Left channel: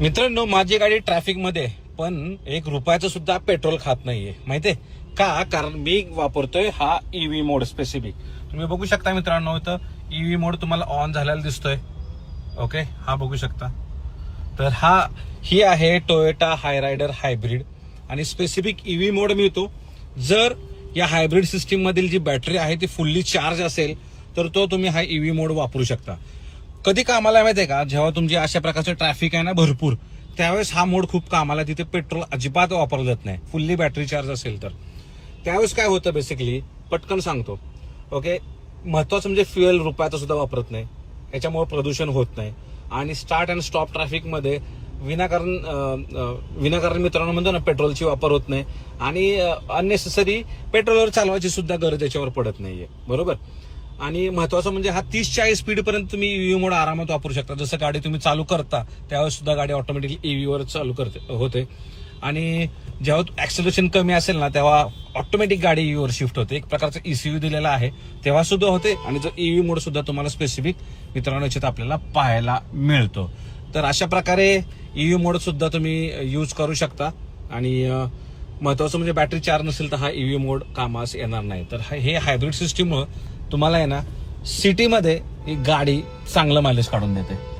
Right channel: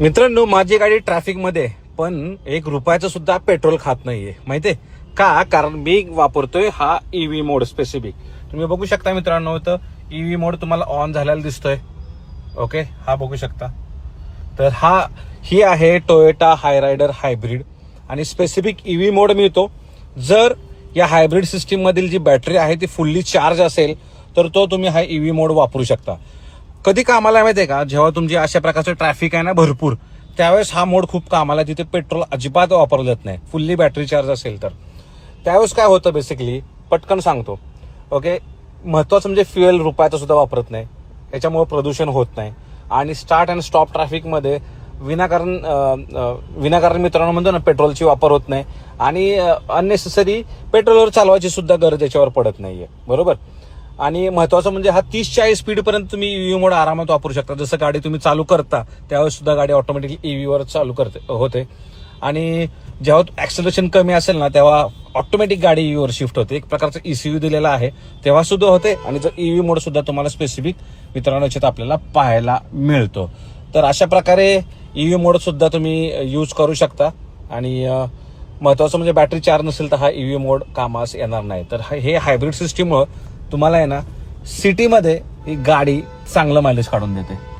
मित्रांनो, माझी गाडी ट्रॅफिक मध्ये पण 1 रुपयाचं सुद्धा पेट्रोल खात नाहीये. माहितीये का? कारण मी वापरतोय हा ईव्ही मोड स्पेसिफिक. तुम्ही बघू शकता मित्रांनो, इथं ईव्ही मोड तुम्हाला ऑन झालेला दिसतोय. ओके, हा बघू शकता. तर ही आहे टोयोटा हायरायडर हायब्रिड आणि स्पेसिफिक ईव्ही मोड मिळतो. जर या हायब्रिड सिस्टीम मधील जी बॅटरी आहे ती फुल्ली चार्ज असेल तर तुम्ही हा ईव्ही मोड वापरू शकता. कधी कामाला माहितीये का? जेव्हा तुमची अशा प्रकारचं ट्रॅफिक आहे ना भरपूर, त्यावेळेस हा मोड खूप कामाला, तिथे पेट्रोल अजिबात वापरलं जात नाही. फुल्ली बॅटरी चार्ज असेल तर त्यावेळेस काय होतं, बेसिकली पटकन सांगतो. ओके, महत्वाचं म्हणजे फ्युएल रुपयाचं सुद्धा वापरत नाही, त्याच्यामुळे प्रदूषण होत नाही. आणि स्टार्ट अँड स्टॉप ट्रॅफिक मध्ये विनाकारण मित्रांनो म्हणतो ना, पेट्रोलची वापर होत नाही आणि अननेसेसरी पेट्रोलवर चालवायची सुद्धा गरज याच्यावर पडत नाहीये. बरोबर. आणि महत्वाचं म्हणजे हा 30-40 स्पीड पर्यंत तुम्ही ईव्ही मोड आरामात वापरू शकता. जसं गाडी तुम्ही चालू करता त्यावेळेस सुद्धा गाडी ऑटोमॅटिकली ईव्ही वर चालू होते. आणि जेव्हा ऍक्सेलरेशन कमी असेल ना, तेव्हा ऑटोमॅटिक गाडी ईव्ही वर शिफ्ट होते. एक प्रकारचं ECU दिलेला आहे तेव्हा सुद्धा होते. आणि जर ईव्ही मोड सुद्धा तुम्हाला स्पेसिफिक मित्रांनो याच्यात आपल्याला पाहायला मिळतो. तर अशा प्रकारे ईव्ही मोड सुद्धा तुम्ही यूज करू शकता. आणि महत्वाचं म्हणजे बॅटरी चार्ज नसेल तर हा ईव्ही मोड कामास येणार नाही. तर हे हायब्रिड सिस्टीममुळे तुम्हाला आहे ना, सिटीमध्ये ही गाडी चांगलं मायलेज काढून देते.